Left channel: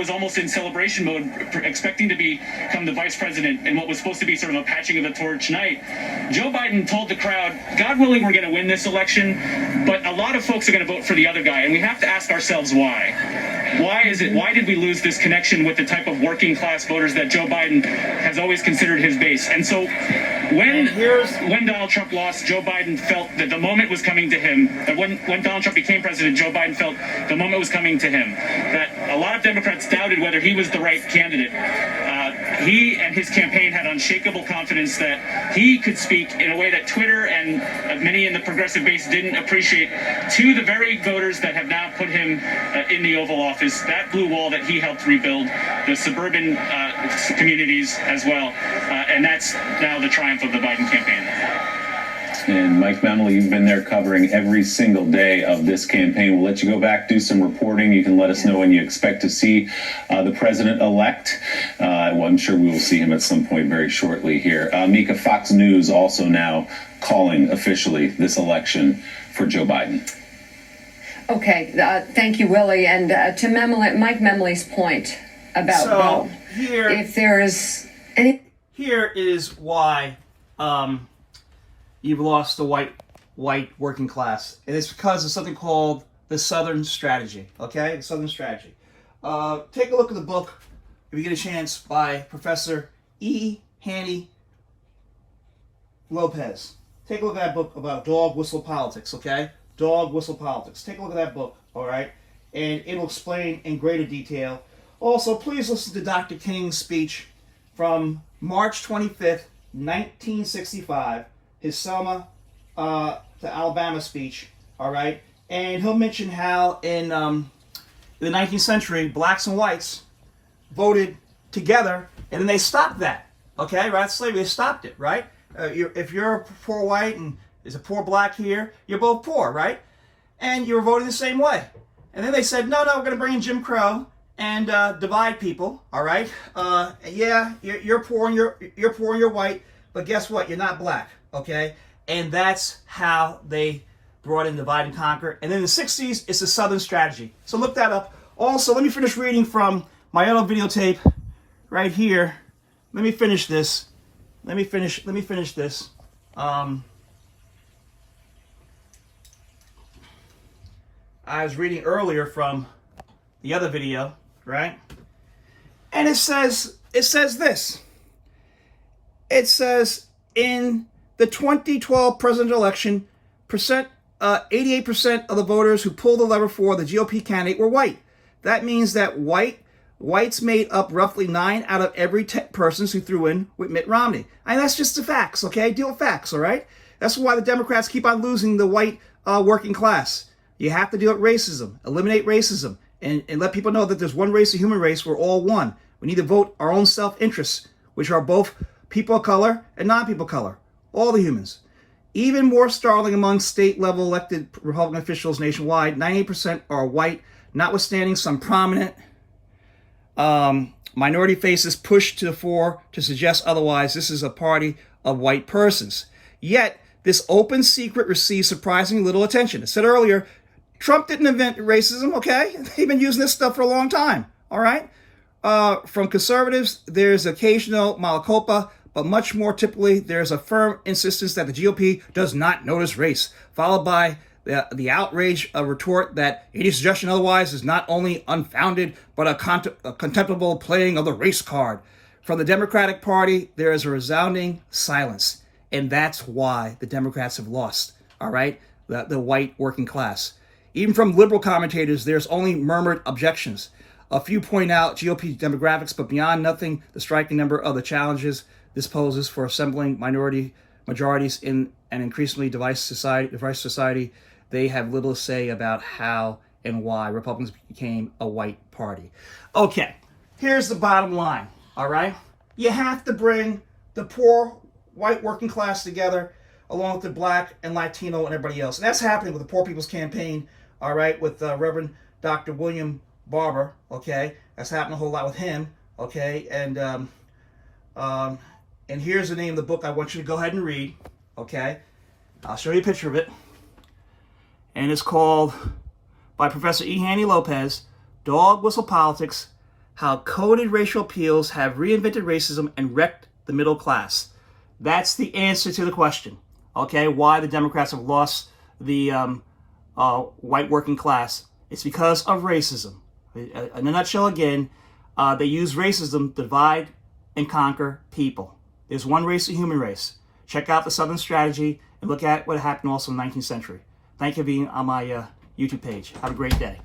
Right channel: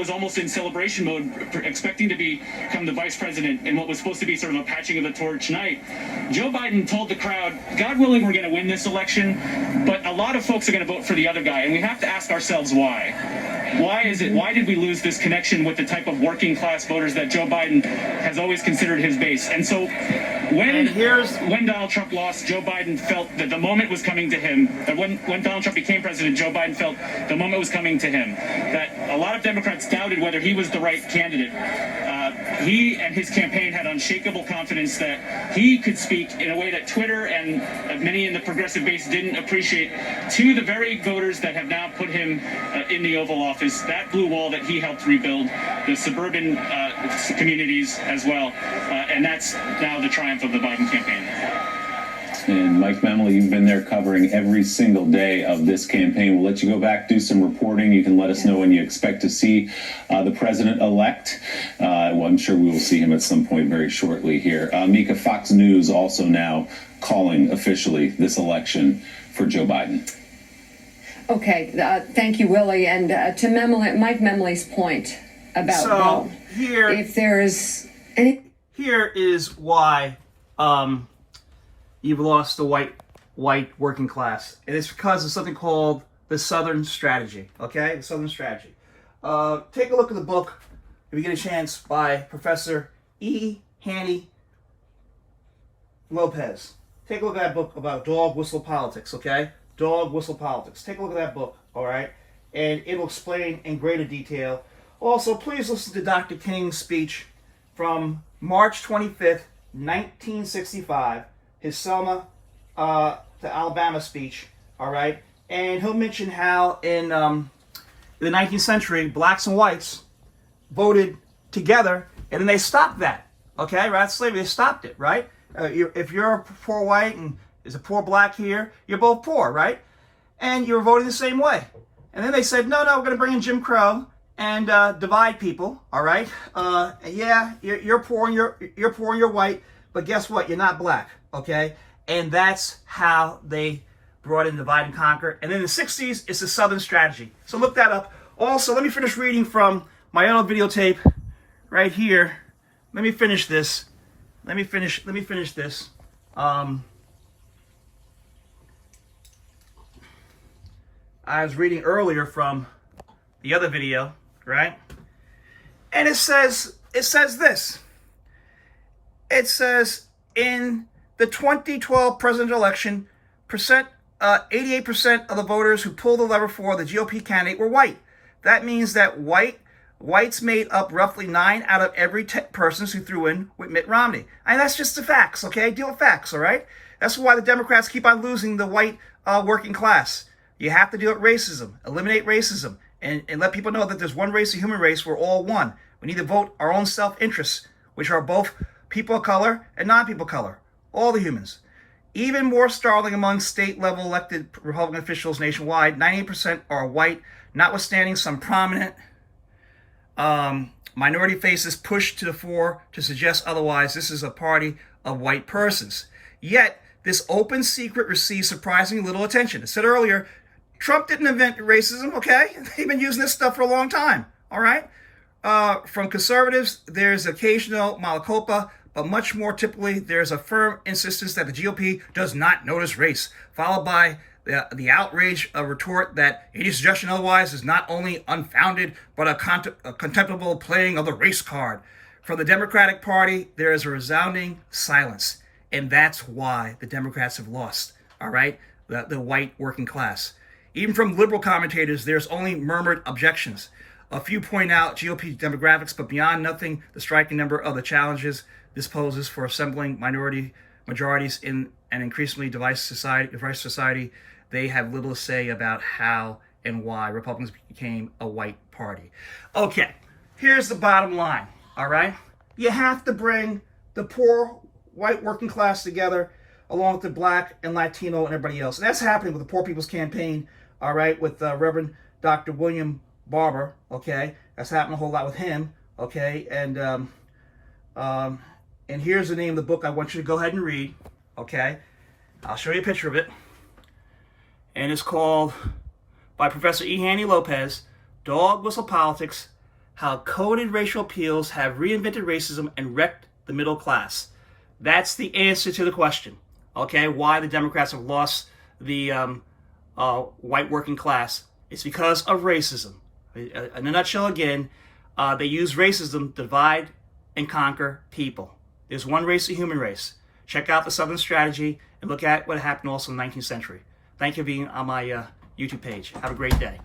was almost in celebration mode, expecting to become the vice president in what was supposed to be sort of a patching of the torch night. Joe Biden told the crowd, God willing, we're going to win this election, but a lot of folks are going to vote for the other guy, and we have to ask ourselves why. Why is it? Why did we lose this connection with the type of working class voters that Joe Biden has always considered his base? And so when Donald Trump lost, Joe Biden felt that the moment was coming to him, that when Donald Trump became president, Joe Biden felt the moment was coming to him, that a lot of Democrats doubted whether he was the right candidate. He and his campaign had unshakable confidence that he could speak in a way that Twitter and many in the progressive base didn't appreciate to the very voters that have now put him in the Oval Office, that blue wall that he helped rebuild, the suburban communities as well. And that's now the triumph of the Biden campaign. And Mike Memley, you've been there covering every single day of this campaign. We'll let you go back, do some reporting. You can let us know when you expect to see the president-elect. Well, I'm sure we will see him at some point very shortly here. Mika, Fox News also now calling officially this election for Joe Biden. Okay, thank you, Willie. And to Mike Memley's point about if there is any... Here is why you've lost the white working class. And it's because of something called the Southern Strategy, okay? The Southern Strategy. Take a look at the book, if you get a chance, by Professor E. Haney Lopez. Take a look at that book about dog whistle politics, okay? Dog whistle politics. Take a look at that book, all right? And it'll explain in greater detail. Also, please listen to Dr. King's speech from March 25th, 1965, his Selma to Alabama speech, all right? And he'll mention how in the 19th century, blacks and whites voted together, and then they stopped that, okay? Right? Slavery, they stopped it, right? If you're a poor white and there's a poor black here, you're both poor, right? And you're voting the same way. And then they said, no, we're going to bring in Jim Crow and divide people, all right? Yeah, you're poor and you're poor and you're white, but guess what? You're not black, okay? And that's how they brought in divide and conquer. And then in the 60s, it's the Southern Strategy. So look that up. Also, let me finish reading from my own videotape right here. Let me finish this. Let me finish this. I was reading earlier from the other video, right? And it says this. It says in the 2012 presidential election, 88% of the voters who pulled the lever for the GOP candidate were white. That means that whites made up roughly 9 out of every 10 persons who threw in with Mitt Romney. And that's just the facts, okay? Deal with facts, all right? That's why the Democrats keep on losing the white working class. You have to deal with racism, eliminate racism, and let people know that there's one race, a human race, we're all one. We need to vote our own self-interests, which are both people of color and non-people of color, all the humans. Even more startling among state-level elected Republican officials nationwide, 98% are white, notwithstanding some prominent minority faces pushed to the fore to suggest otherwise. This is a party of white persons. Yet, this open secret receives surprisingly little attention. I said earlier, Trump didn't invent racism, okay? They've been using this stuff for a long time, all right? From conservatives, there's occasional mea culpa, but much more typically, there's a firm insistence that the GOP does not notice race, followed by the outrage retort that any suggestion otherwise is not only unfounded, but a contemptible playing of the race card. From the Democratic Party, there is a resounding silence, and that's why the Democrats have lost, all right? The white working class. Even from liberal commentators, there's only murmured objections. A few point out GOP demographics, but beyond nothing, the striking number of the challenges this poses for assembling majorities in an increasingly diverse society, they have little to say about how and why Republicans became a white party. Okay, here's the bottom line, all right? You have to bring the poor white working class together along with the black and Latino and everybody else. And that's happening with the Poor People's Campaign, all right, with Reverend Dr. William Barber, okay? That's happening a whole lot with him, okay? And here's the name of the book I want you to go ahead and read, okay? I'll show you a picture of it. And it's called, by Professor E. Haney Lopez, Dog Whistle Politics, how coded racial appeals have reinvented racism and wrecked the middle class. That's the answer to the question, okay? Why the Democrats have lost the white working class. It's because of racism. In a nutshell, again, they use racism to divide and conquer people. There's one race, the human race. Check out the Southern Strategy and look at what happened also in the 19th century. Thank you for being on my YouTube page. Have a great day.